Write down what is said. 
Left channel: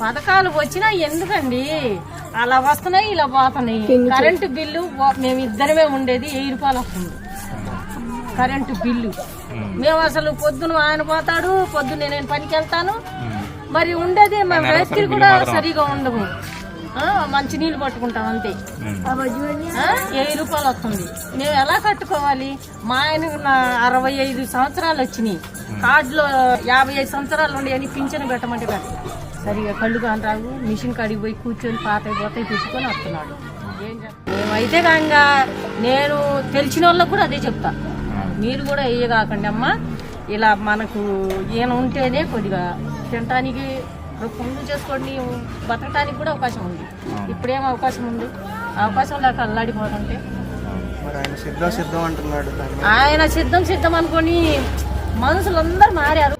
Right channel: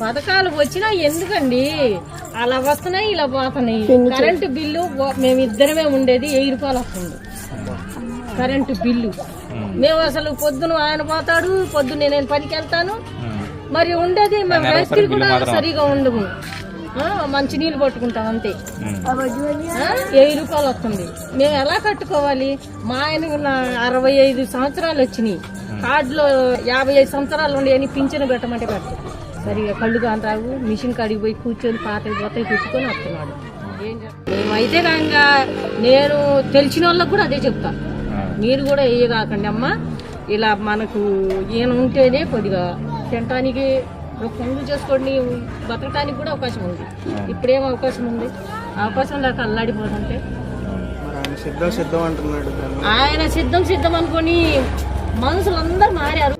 పథకాలు వచ్చినా ఎందుకండి అలా వస్తున్నాయి ఇలా పోతున్నాయి. కరెంటు బిల్లు మేము ఇద్దరమే ఉండేది 1000 రూపాయలు వస్తుంది కరెంటు బిల్లు. మేము అసలు పొద్దున ఆయన పోతాడు, పొద్దున్నే నేను పనికి వెళ్తాను. మరి ఉండేది మా రాత్రి కూడా సరిగా ఉండవు. మంచి నీళ్ళు పట్టుకుంటాం అంతే. 1000 రూపాయలు వస్తుంది. మేము ఎలా కట్టుకోవాలి? మా ఆయన 65 సంవత్సరాలు వచ్చినాయి, కార్డులో 55 సంవత్సరాలు ఉండి అని పింఛను పెట్టమంటే కట్టు సరిగా కళ్ళు కాని రావు. మిషన్ కాడికి పోయి కూర్చొని పాత పోతే తెచ్చుకొని వస్తున్నాడు. మేమైతే కాక నేను తెలిసిన వాళ్ళకు కూడా అదే చెప్తా, మీరు కూడా వేయగాకండి అమ్మ. ఇలా మనకు ఈయన ఉంటేనే కొద్దిగా తినటానికి పనులు చేసుకొని బతకటానికి కూడా అవకాశం ఉంది. ఇప్పుడేం అవకాశం ఉంది? అవకాశం లేక అల్లాడిపోతుంటే ఆయన సిద్ధం అనుకొని మనుషులందరూ మారారు.